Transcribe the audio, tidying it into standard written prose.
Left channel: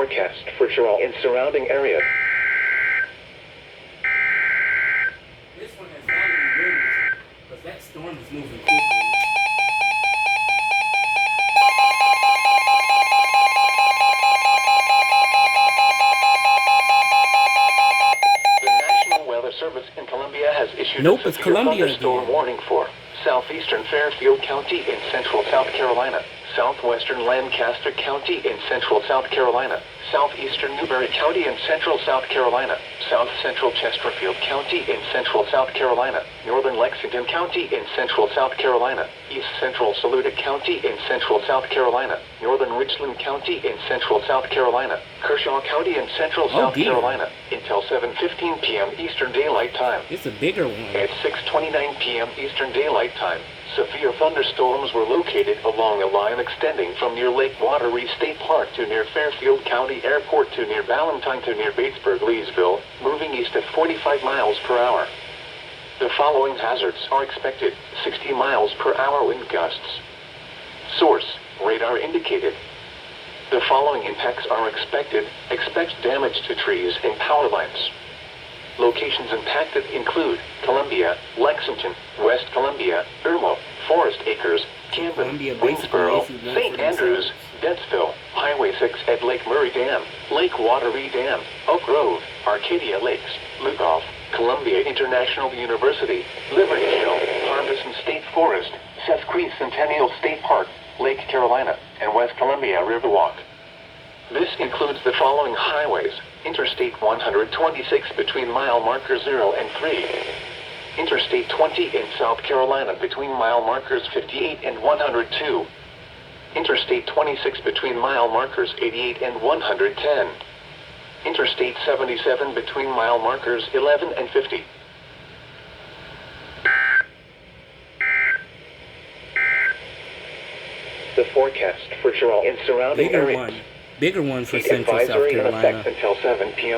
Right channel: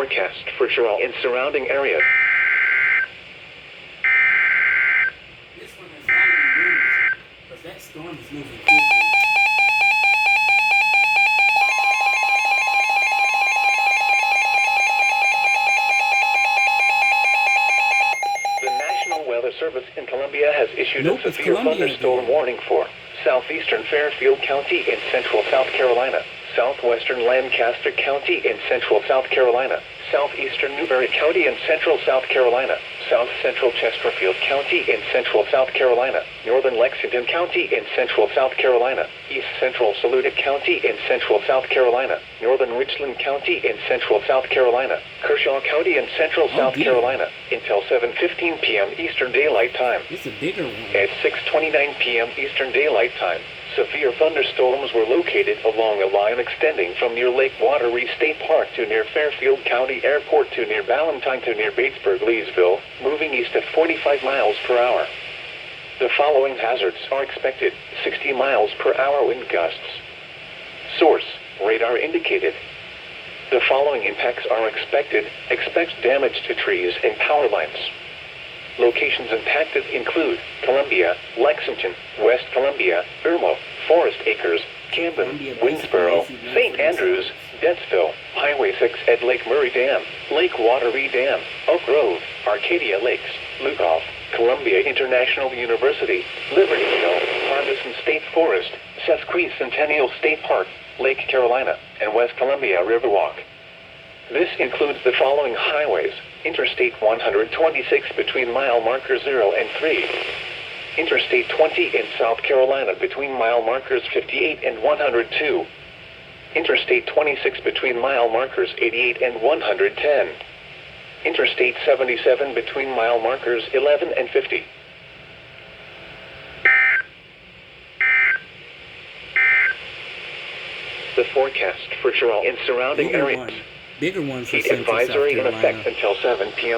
Forecast for Toronto and surrounding areas. This one has got to be windy because that storm is moving quickly. The National Weather Service in Columbia has issued Nope, a it's severe Columbia thunderstorm again. warning for southeastern Fairfield County in central South Carolina, southwestern Lancaster County in central South Carolina, southeastern Newberry County in central South Carolina, south central Chesterfield County in central South Carolina, northern Lexington County in central South Carolina, east central Saluda County in central South Carolina, northern Richland County in central South Carolina, Kershaw County in central South dear. Carolina, until 7:15 p.m. Eastern Daylight Time. It's a bigger one. At 6:29 p.m. Eastern Daylight Time, severe thunderstorms were located along a line extending from near Lake Wateree State Park to near Fairfield County Airport to near Ballantyne to near Batesburg, Leesville, moving east at 45 miles per hour. The following hazards are expected: 60 miles per hour wind gusts. Source: radar indicated. The following impacts are expected. Expect damage to trees and power lines. Locations impacted include Columbia, Lexington, West Columbia, Irmo, Forest Acres, Camden, Winsboro, St. Andrews, Dentsville, Highway 6 at Lake Murray Dam, Lake Wateree Dam, Oak Grove, Arcadia Lakes, Lugoff, Columbia International University, Liberty Hill, Hardison State Forest, Sesquicentennial State Park, Lake Carolina, and West Columbia Riverwalk. This includes the following highways: Interstate 126 between mile markers 0 and 3. Interstate 20 in South Carolina between mile markers 58 and 102. Interstate 26 between mile markers 88 and 110. Interstate 77 between mile markers 11 and 50. The forecast for Toronto and surrounding areas. Bigger one for Heat central South advisory in Carolina. effect until 7 p.m.